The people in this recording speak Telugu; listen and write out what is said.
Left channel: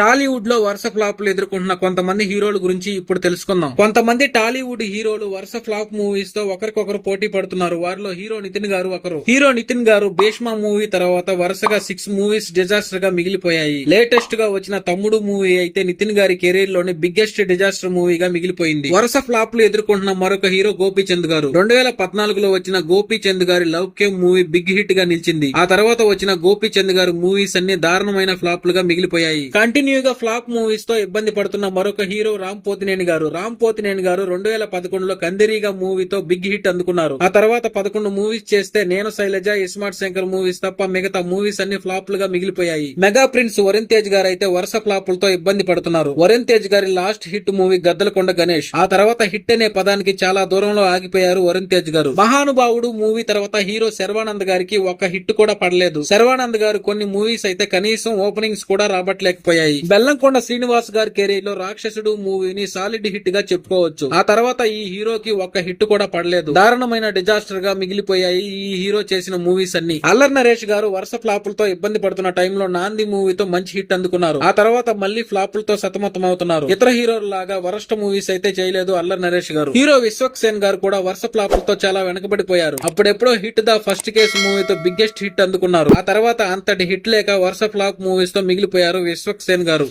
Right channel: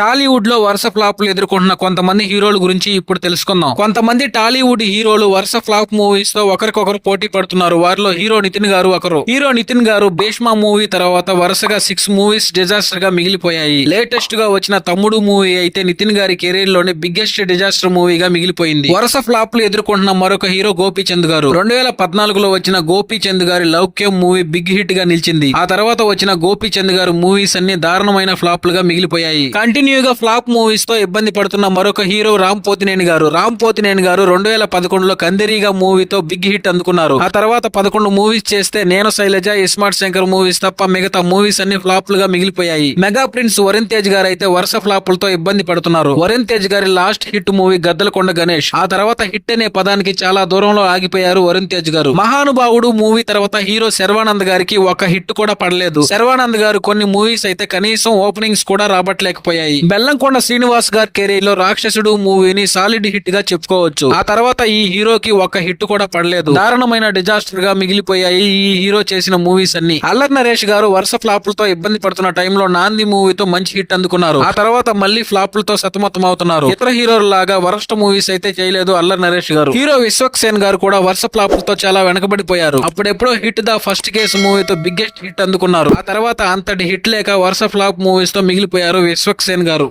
టాలీవుడ్లో వరుస ఫ్లాప్లు ఎదుర్కొంటున్న కొంతమంది హీరోల గురించి ఇప్పుడు తెలుసుకుందాం. కొంతమంది టాలీవుడ్ హీరోలు వరుస ఫ్లాప్ మూవీస్తో ఒకరికొకరు పోటీ పడుతున్నారు. వారిలో హీరో నితిన్ గారు ఒకరు. హీరో నితిన్ గారు భీష్మ మూవీ తర్వాత వరుసగా సిక్స్ మూవీస్ డిజాస్టర్గా మిగిలిపోయాయి. లేటెస్ట్గా వచ్చిన తమ్ముడు మూవీ అయితే నితిన్ గారి కెరీర్లోనే బిగ్గెస్ట్ డిజాస్టర్ మూవీగా మిగిలిపోయింది. వరుస ఫ్లాప్లు ఎదుర్కొంటున్న మరొక హీరో గోపీచంద్ గారు. రెండు వేల పద్నాలుగులో వచ్చిన గోపీచంద్ గారి లౌక్యం మూవీ బిగ్ హిట్గా నిలిచింది. ఆ తర్వాత వచ్చిన గోపీచంద్ గారు మూవీస్ అన్ని దారుణమైన ఫ్లాప్లుగా మిగిలిపోయాయి. కంటిన్యూగా ఫ్లాప్ మూవీస్తో ఇబ్బంది పడుతున్న మరొక హీరో రామ్ పోతినేని గారు. రామ్ పోతినేని గారు రెండు వేల పదకొండులో కందిరీగా మూవీతో బిగ్ హిట్ అందుకున్నారు. ఆ తర్వాత పదకొండు మూవీస్ చేస్తే నేను శైలజ ఇస్మార్ట్ శంకర్ మూవీస్ తప్ప మిగతా మూవీస్ అన్ని ఫ్లాప్లుగా మిగిలిపోయాయి. మెగా ప్రిన్స్ వరుణ్ తేజ్ గారు అయితే వరుస ఫ్లాపులతో ఇబ్బంది పడుతున్నారు. వరుణ్ తేజ్ గారి last hit movie Gaddalakonda Ganesh. ఆ తర్వాత హిట్ అనే పదానికి చాలా దూరంలో ఆగిపోయారు వరుణ్ తేజ్ గారు. మహానుభావుడు మూవీ తర్వాత హీరో శర్వానంద్ గారికి ఒక హిట్ కూడా పడలేదు. శర్వానంద్ గారు కొన్ని మూవీస్ అయితే కనీసం ఓపెనింగ్స్ కూడా రాబట్టలేకపోయాయి. బెల్లంకొండ శ్రీనివాస్ గారి కెరీర్లో రాక్షసుడు మూవీని సాలిడ్ హిట్గా చెప్పుకోవచ్చు. ఆ తర్వాత ఈ హీరోకి ఒక హిట్ కూడా పడలేదు. దారుణమైన డిజాస్టర్గా మిగిలిపోయాయి ఈ హీరో చేసిన మూవీస్ అన్ని. అల్లర్ నరేష్ గారు వరుస ఫ్లాపులతో ఇబ్బంది పడుతున్న టైంలో నాంది మూవీతో మంచి హిట్ అందుకున్నారు. ఆ తర్వాత మళ్ళీ ఫ్లాపులతో సతమతం అవుతున్నారు. ఇతర హీరోల లాగా వరస్ట్ మూవీస్ అయితే చేయలేదు అల్లర్ నరేష్ గారు. హీరో విశ్వక్ సేన్ గారు కూడా వరుస ఫ్లాపులతో చాలా వెనకబడిపోయారు. అప్పుడెప్పుడో హిట్ ద ఫస్ట్ కేసు మూవీతో బిగ్గెస్ట్ హిట్ అందుకున్నారు. ఆ తర్వాత అంతటి హిట్ లేక వరుస ఫ్లాప్ మూవీస్తో మిగిలిపోయారు విశ్వక్ సేన్ గారు